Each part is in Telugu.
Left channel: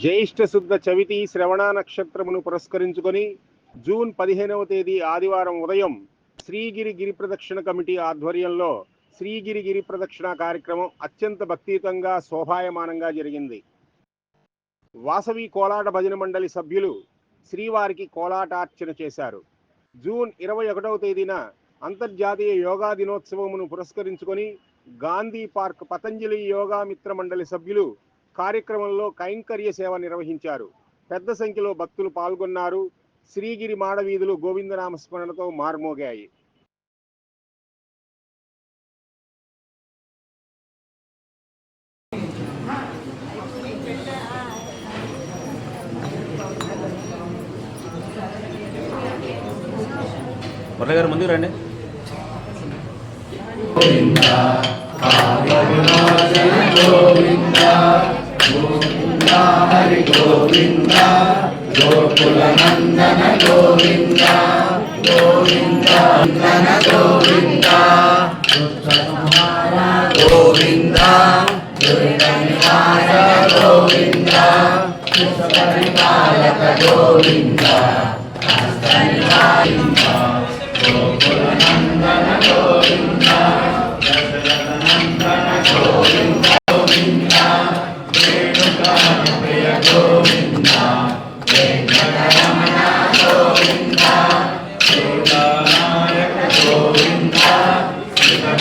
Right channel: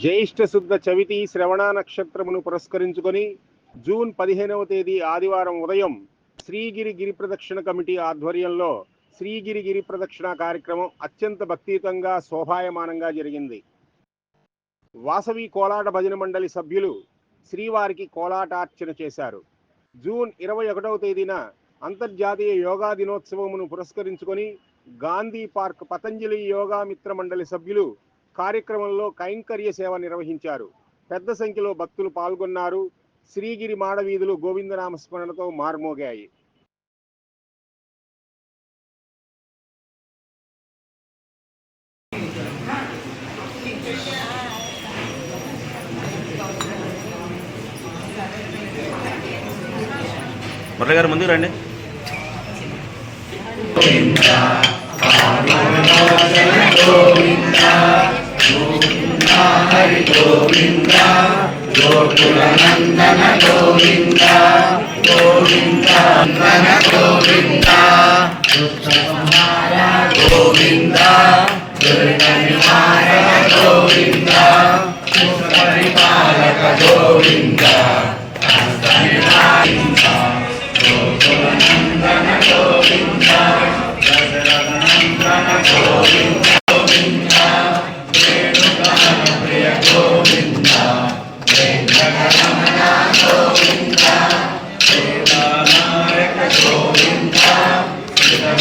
జ్యేష్ఠ శుద్ధ చవితి శ్రవణ నక్షత్రమును పురస్కరించుకొని జూన్ పదిహేనవ తేదీ ఆదివారం ఉదయం శ్రీగిరి గిరి ప్రదక్షిణ కమిటీ ఆధ్వర్యంలో శ్రీగిరి గిరి ప్రదక్షిణ కార్యక్రమం అత్యంత భక్తియుతంగా శోభాయమానంగా జరిగింది. వాసవి కోలాట భజన మండలి సభ్యులు శ్రీవారికి కోలాటార్చన చేశారు. జూన్ ఇరవై ఒకటవ తేదీన అంతర్జాతీయ యోగా దినోత్సవమును పురస్కరించుకొని గాంధీ పార్క్ పతంజలి యోగా మిత్ర మండలి సభ్యులు కార్యక్రమంలో కైంకర్య సేవ నిర్వహించారు. పెద్ద సంఖ్యలో భక్తులు పాల్గొన్నారు. శ్రీగిరి మాడవీధులు గోవిందనామ స్మరణతో మార్మోగాయి. మురళి గారు ముందుకు రండి. హరి గోవింద గోకుల నందన గోవింద గోవింద నందన గోవింద సంహార గోవింద దుర్గనివార గోవింద పరిపాలక గోవింద గోకుల గోవింద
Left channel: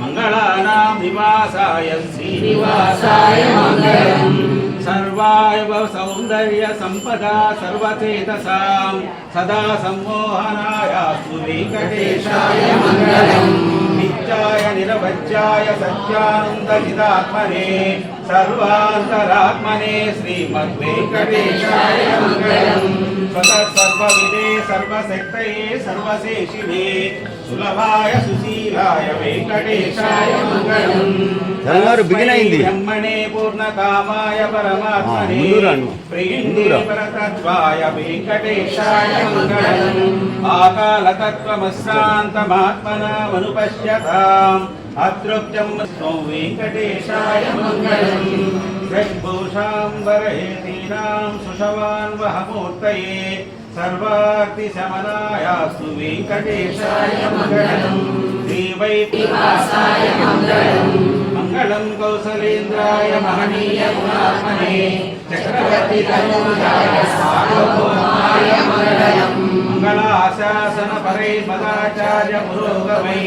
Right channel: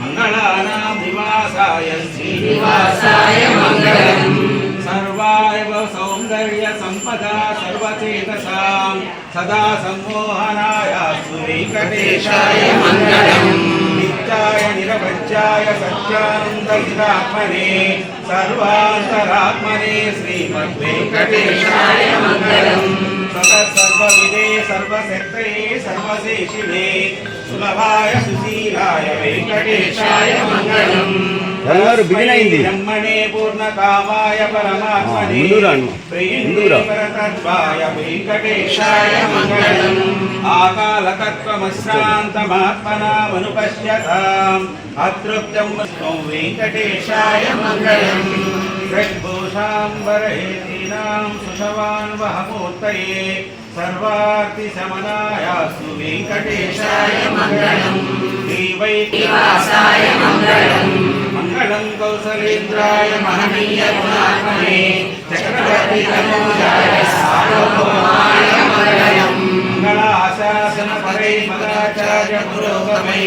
మంగళానాం నివాసాయ శ్రీనివాసాయ మంగళం. సర్వాయవ సౌందర్య సంపదా సర్వచేతసాం సదా సమ్మోహనాయాస్తు వెంకటేశాయ మంగళం. నిత్యాయ నిరవజ్యాయ సత్యానందహితాత్మనే సర్వాంతరాత్మనే శ్రీమద్వేంకటేశాయ మంగళం సర్వవిదే సర్వశక్తయే సర్వశేషిణే సులభాయ సుశీలాయ వెంకటేశాయ మంగళం. బ్రహ్మణే పూర్ణకామాయ పరమాత్మనే. ప్రియందే. పరతత్వాయ వెంకటేశాయ మంగళం ఆకాలతత్వమశ్రాంతమాత్మనామనుపశ్యతాం అతృప్తం త్వం వెంకటేశాయ మంగళం. షడ్భూషాంబరహేతీనాం సుషవాన్ వహమూర్తయే సర్వార్తిశమనాయాస్తు వెంకటేశాయ మంగళం శ్రీవైవాసాయ మంగళం మంగళం కౌసలేంద్రాయ మహనీయ గుణాత్మనే చక్రవర్తి తనూజాయ మంగళాశాసన పరై మదాచార్య పురోగమై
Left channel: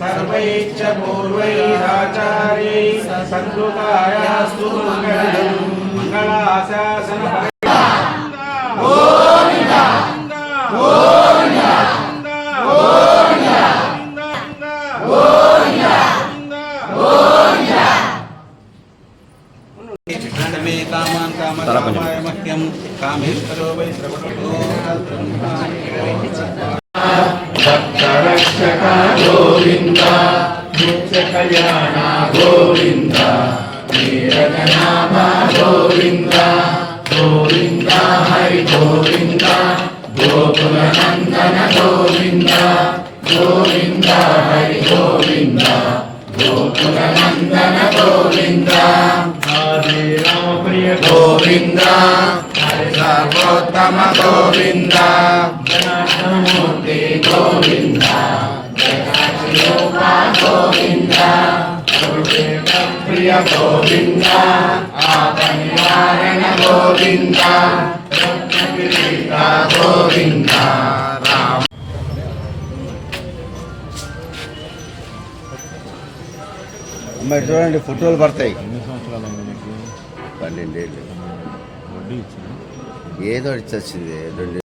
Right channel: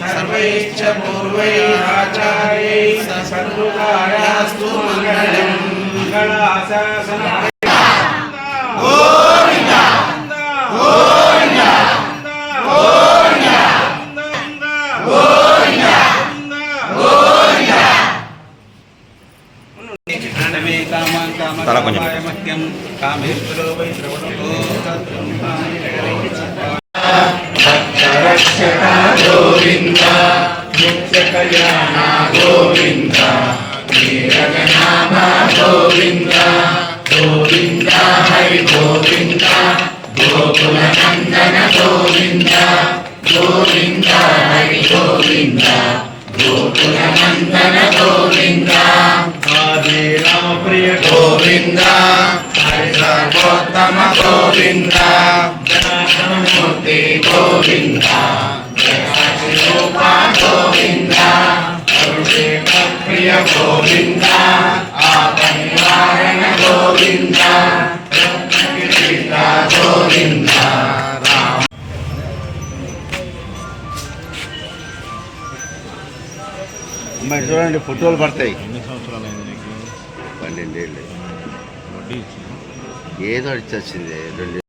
సర్వైశ్చ పూర్వైరాచార్యై సద్గుకాయాస్తు మంగళం మంగళాశాసన గోవింద గోవింద గోవింద గోవింద తల కొంచెం. మహ్యం కామేశ్వరో. వై రక్షక గోవింద గోవింద హరి సర్వోత్తమ గోవింద జనమూర్తి గోవింద జగరూపా గోవింద ప్రియ గోవింద ఆపనివారణ గోవింద గోవింద. చూడండి ఫోటోలు పడతాయి. ఎన్ని సంవత్సరాలు అయింది పన్నెండేళ్ళు. 모르겠지. 얘들 자체네.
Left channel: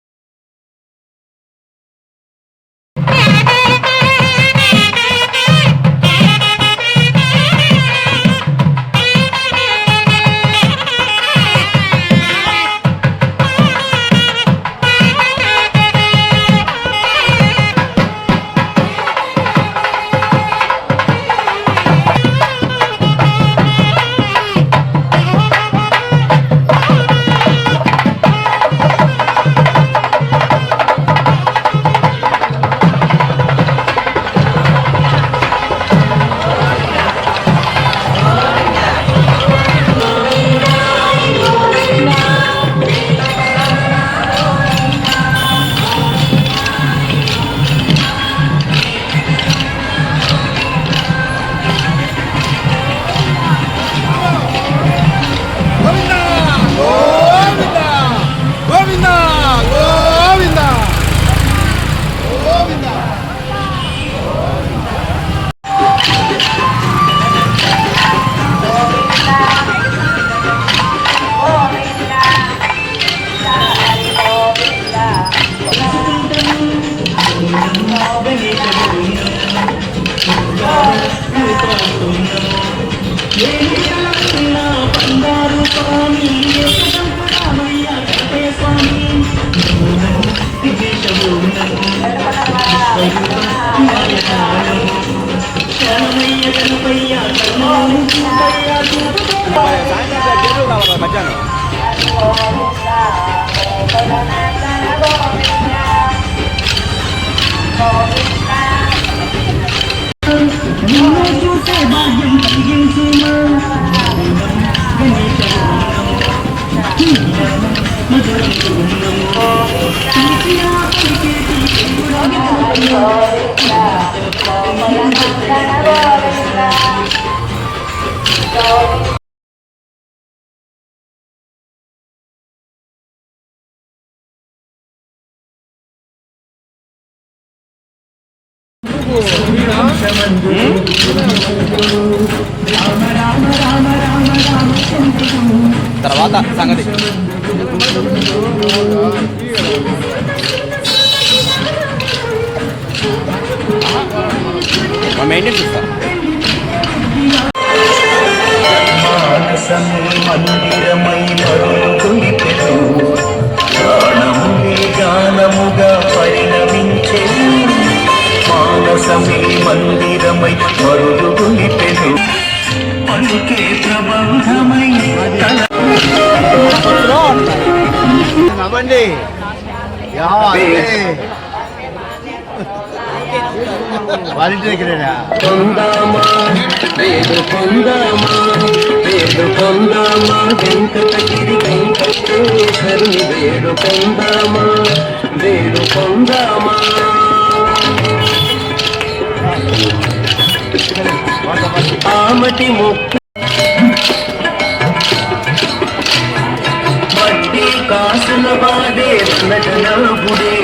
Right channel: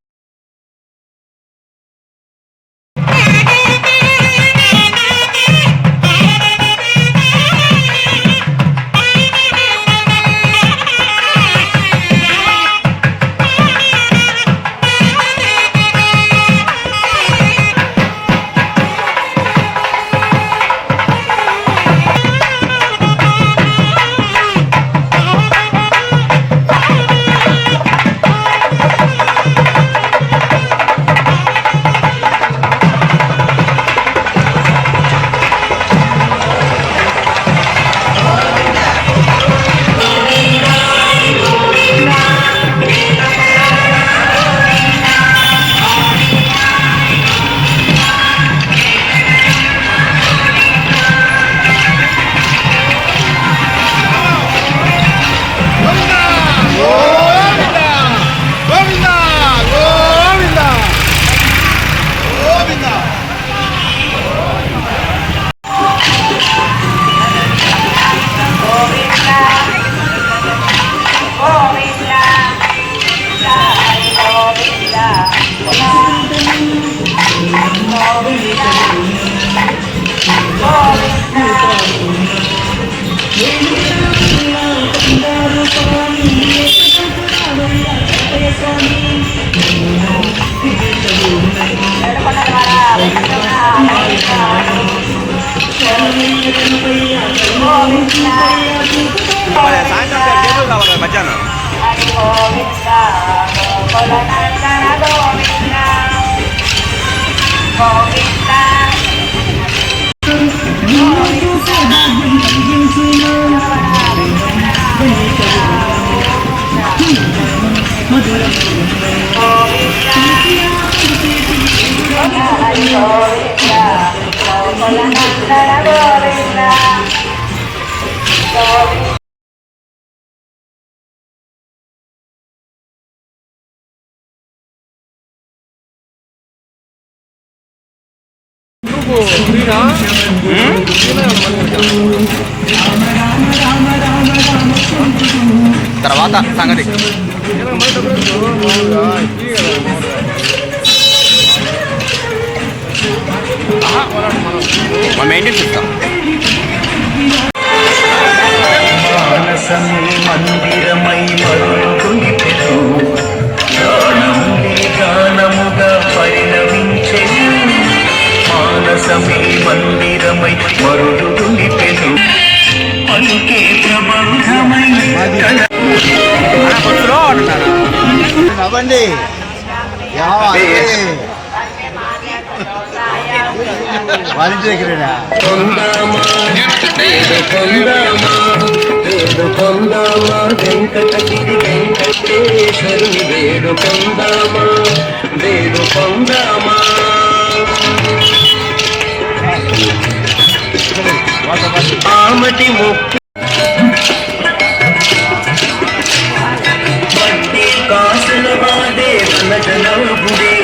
మరి సాయంత్రం టేబుల్ కావాలి కదా మధ్యాహ్నం తర్వాత సంగతి. మనం మెయింటైన్ చేస్తాం మందిరమై మరుగులిపెను గానములే గానముగా పరిణమించెను. మానసమే మందిరమై మరుగులిపెను పలికే ప్రబంధమై పొందామా వేడు పొందామా వేడు పొందామా వెంకటగిరి వెంకటేశ్వరుని వేడు పొందామా వేడు పొందామా ఆమటి ముక్కు. వడ్డీ కాసుల బాదే వనజనాభుడే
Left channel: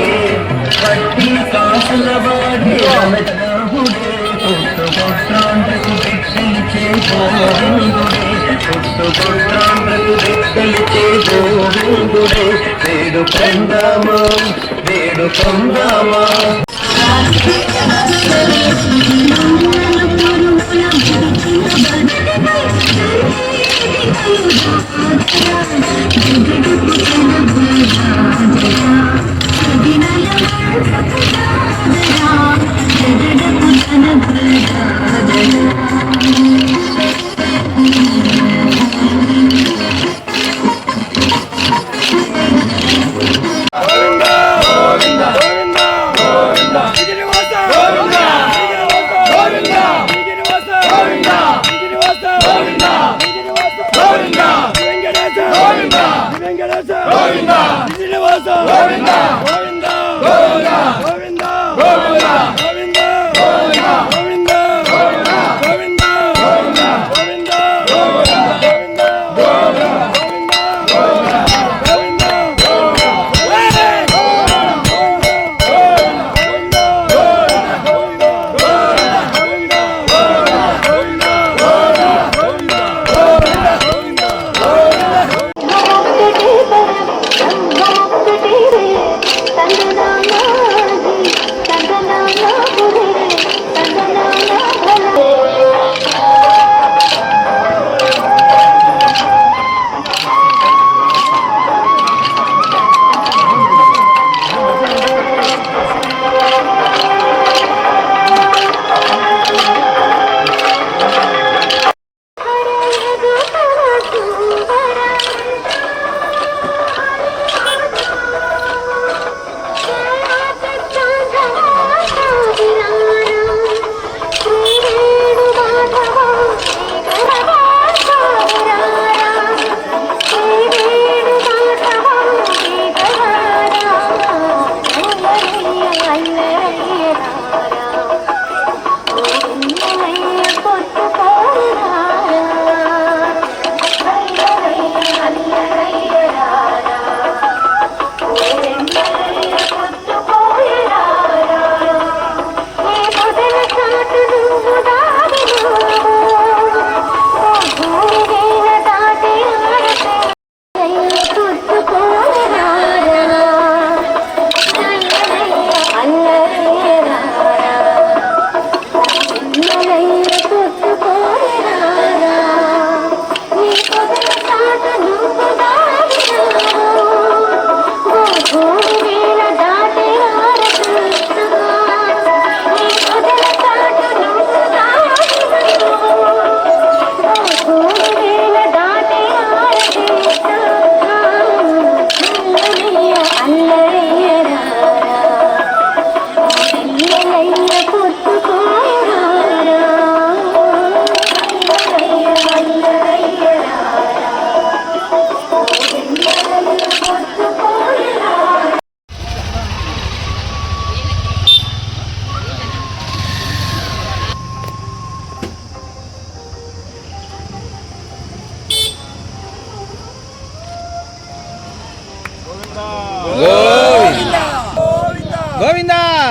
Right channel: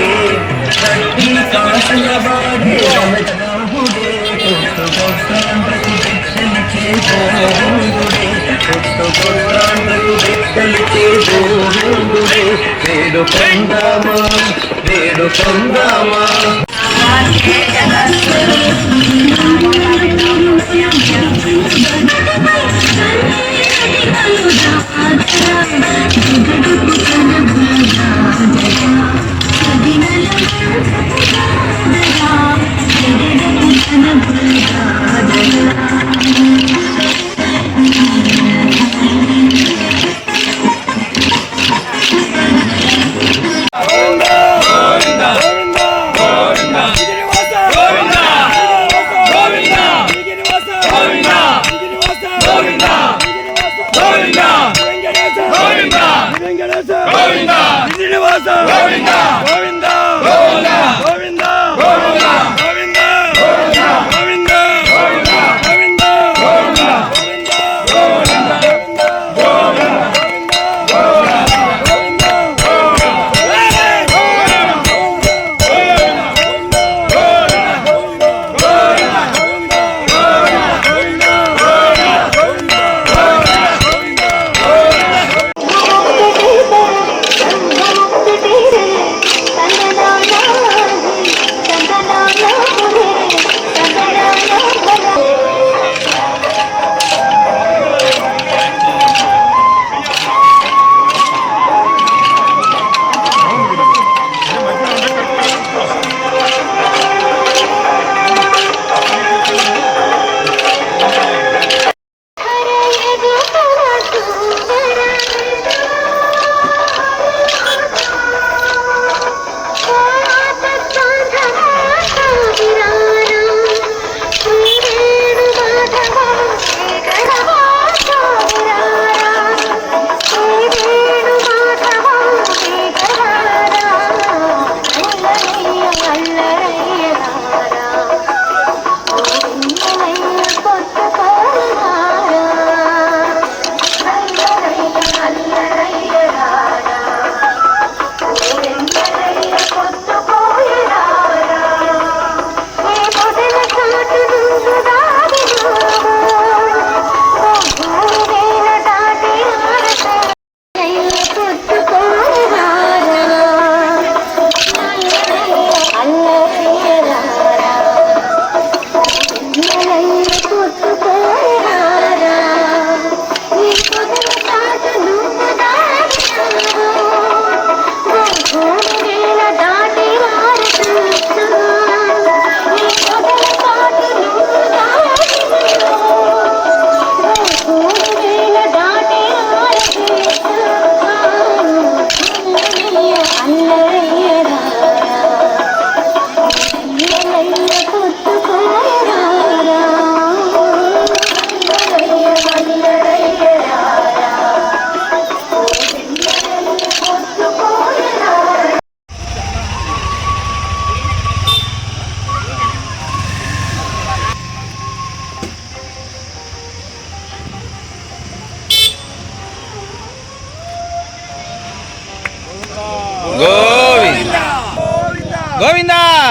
పట్టి కాసుల వాడే వనజనాభుడే పుట్టుకొట్టాండ్రకు బిడ్డలిచే గోవిందుడే పుట్టుకొట్టాండ్రకు బిడ్డలిచే గోవిందుడే వేడు పొందామా వేడు పొందామా గోవిందా